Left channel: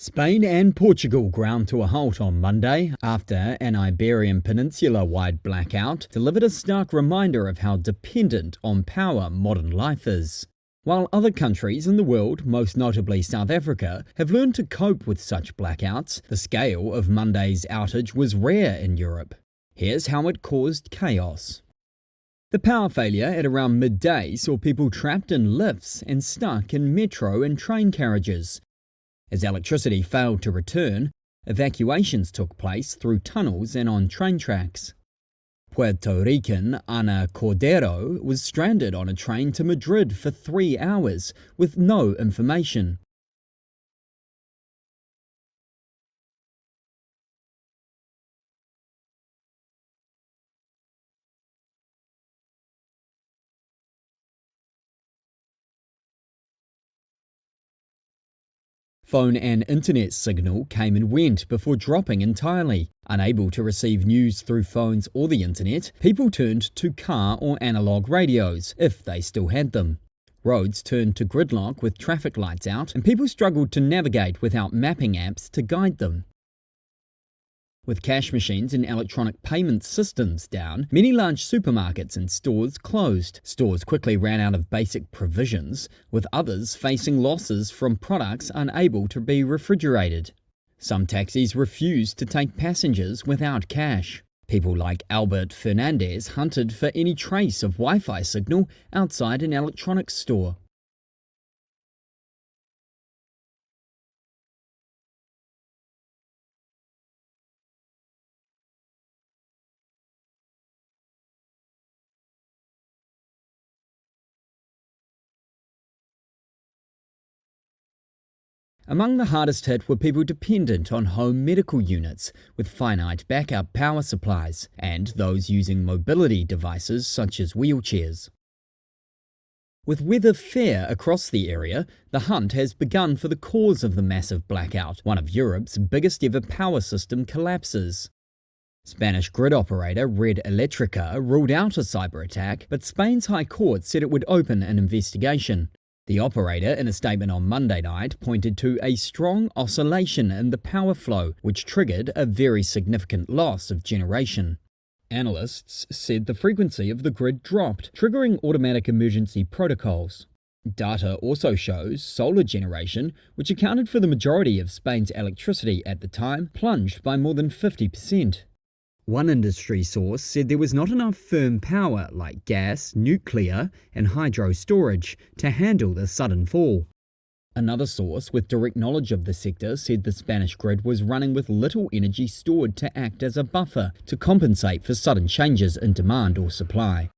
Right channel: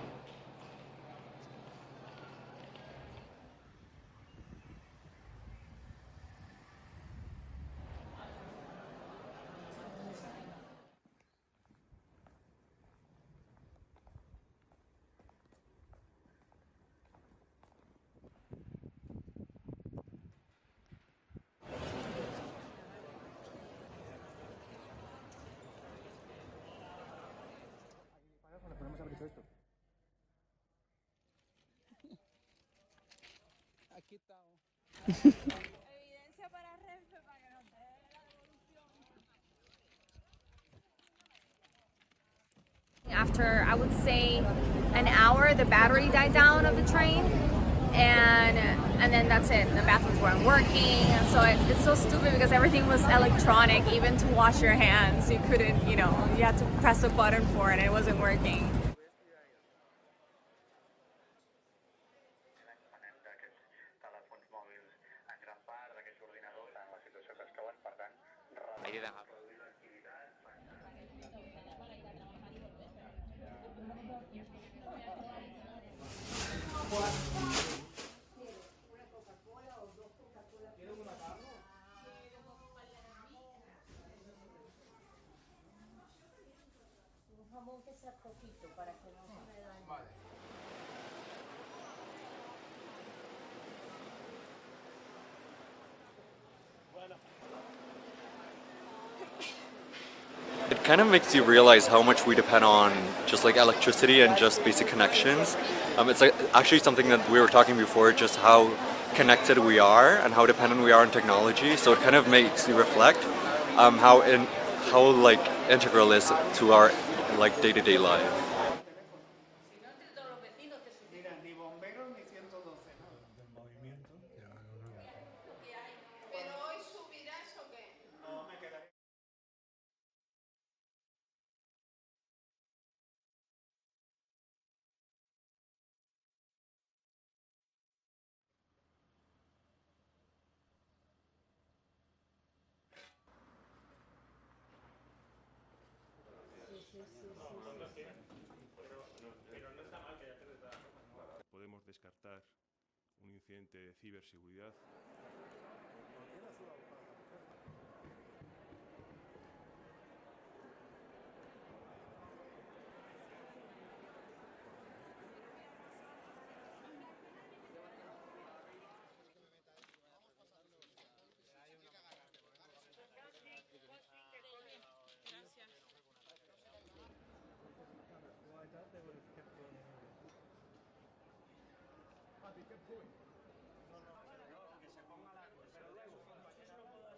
Spain and Portugal ground to a halt on Monday after an Iberian Peninsula-wide blackout delivered a stark reminder of how dependent on power modern life is. While other countries in the world, most notably South Africa, have learned to cope with such blackouts, the scale of Monday's outage was rare in Europe. Here's how it caused chaos. The power failure at around midday saw people trapped in lifts and stuck in metro and train carriages. As electricity failed to return, evacuations took place through tunnels and on train tracks. Puerto Rican Ana Cordero was stranded on a train to Madrid for 3 hours with no information. After, I would say, an hour, the battery died down of the train, and then that's it. The bathrooms weren't working, so it's so stupid because everything was electronic, even to wash your hands. You couldn't, you had to press a button for it and it wasn't working. Phone and internet signal came and went before dropping entirely. Unable to receive news through phones or the internet, people turned to car or analog radios, if they still had them. Roads turned to gridlock with traffic lights out, and people struggled to navigate without mapping apps to guide them. With cash machines and electronic payment systems down, many large supermarkets and stores closed. Stores quickly ran out of basic provisions, with others facing losses from products unable to be refrigerated. Some taxis refused to take passengers without cash. People like Albert Fernandez hunted for any trace of Wi-Fi signal outside an electronics store. It kind of makes you realize how much we depend on just like electricity and just basic connections. It's actually something that we were talking before, just how connected we are and how dependent we are on technology. So it kind of makes you reflect how integral it is to our day-to-day life. Among the hardest hit were people dependent on home medical units with finite backup power supplies and those using mobility devices such as wheelchairs. With weather fair across the area, the hunt has begun for the cause of the massive blackout, one of Europe's biggest ever power system collapses. Spanish grid operator Red Eléctrica ruled out a cyber attack, but Spain's High Court said it would open an investigation. The operator, in a statement on Monday night, pointed to a strong oscillation in the power flow, which triggered a very significant loss of generation. Analysts said the frequency of the grid dropped, triggering automatic emergency protocols. Data also shows solar generation, which accounted for the majority of Spain's electricity at the time, plunged by more than 50%. One industry source said there was not enough firm power like gas, nuclear, and hydro storage to handle the sudden fall. Another source with direct knowledge of the sector said the Spanish grid was running with little energy stored to act as a buffer to compensate for sudden changes in demand or supply.